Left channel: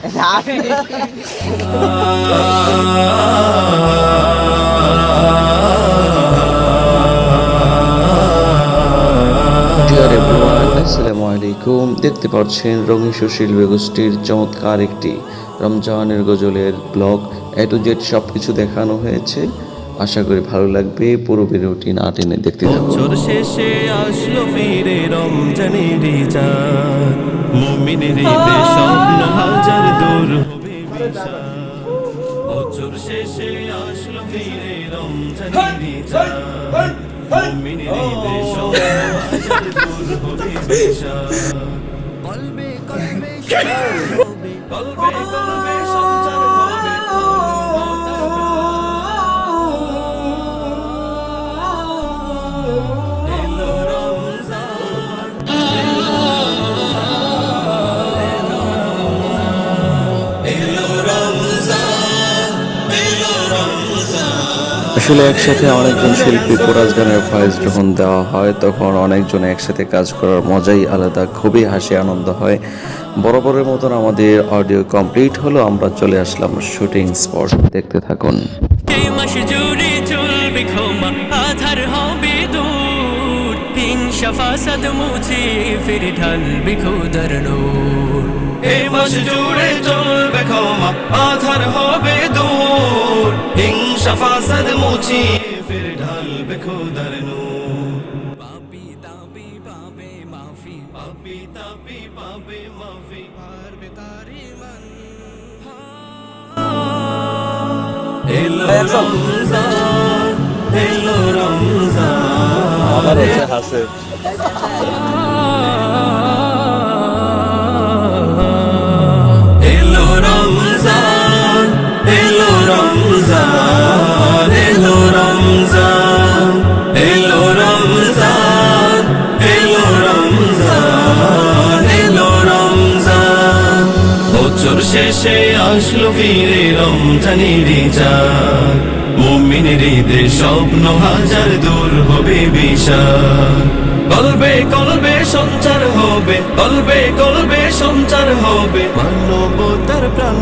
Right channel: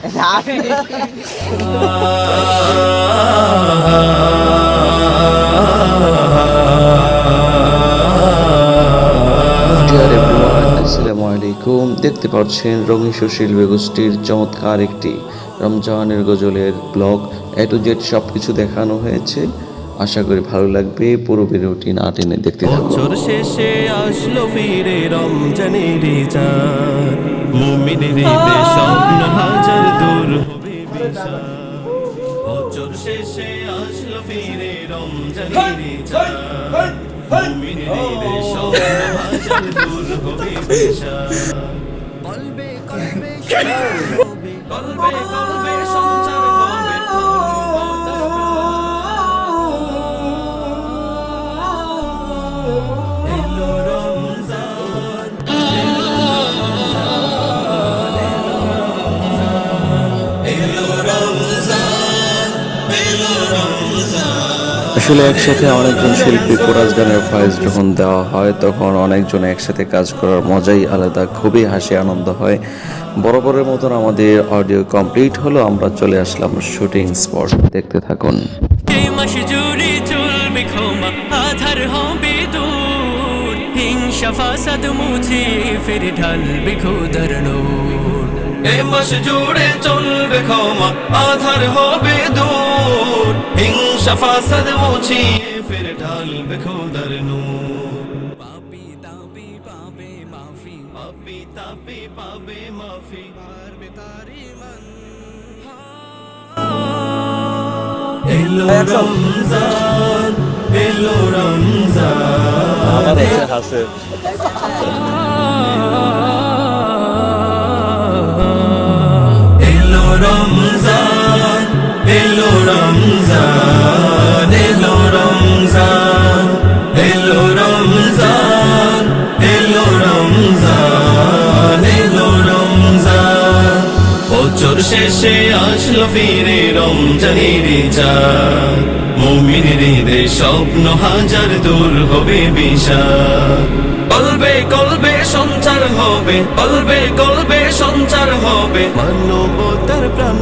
Deer everyone, আসসালামু আলাইকুম। দেখতে পাচ্ছেন রঙিন শিল্পী গোষ্ঠীর চমৎকার একটি রমজানের গজলের ব্লগ। এ টু জেড সব কিছু দেখানো হয়েছে। আশা করি ভালো লাগবে। পুরো ভিডিওটি না টেনে দেখতে থাকুন। বছর শেষে আসলো ফিরে রমজানের চাঁদ, মুমিনের ঈদের স্বপ্ন হাজার দূর হবে বিশাল। বছর শেষে আসলো ফিরে রমজানের চাঁদ, মুমিনের ঈদের স্বপ্ন হাজার দূর হবে বিশাল। কলবে কলবে সঞ্চার হবে, কলবে কলবে সঞ্চার হবে মানবতার আসলে একসাথে অনেকজন শিল্পী কোরাস গানের ভয়েস যখন দেওয়া হয় তখন অনেকজন একসাথে কাজ করার মজাই আলাদা। খুবই হাসি আনন্দ হয়। বরাবরের মতন আমাদের অডিও কমপ্লিট হলো। আমরা চলে আসলাম শুটিং স্পট। দেখতে থাকুন। এই মাস জুড়ে চলবে ক্ষমা, আধার হবে দূর, হিংসা ফাসাদ মুছে ফিরে ঢালবে খোদার নূর। এই মাস জুড়ে চলবে ক্ষমা, আধার হবে দূর, হিংসা ফাসাদ মুছে ফিরে ঢালবে খোদার নূর। পাপি তাপি পাবে মাফি, পাপি তাপি পাবে মাফি, পারবে তারি মন। আবার হচ্ছে হাসে। শেষে আসলো ফিরে রমজানের চাঁদ, মুমিনের ঈদের স্বপ্ন হাজার দূর হবে বিশাল। কলবে কলবে সঞ্চার হবে, কলবে কলবে সঞ্চার হবে মানবতার প্রাণ।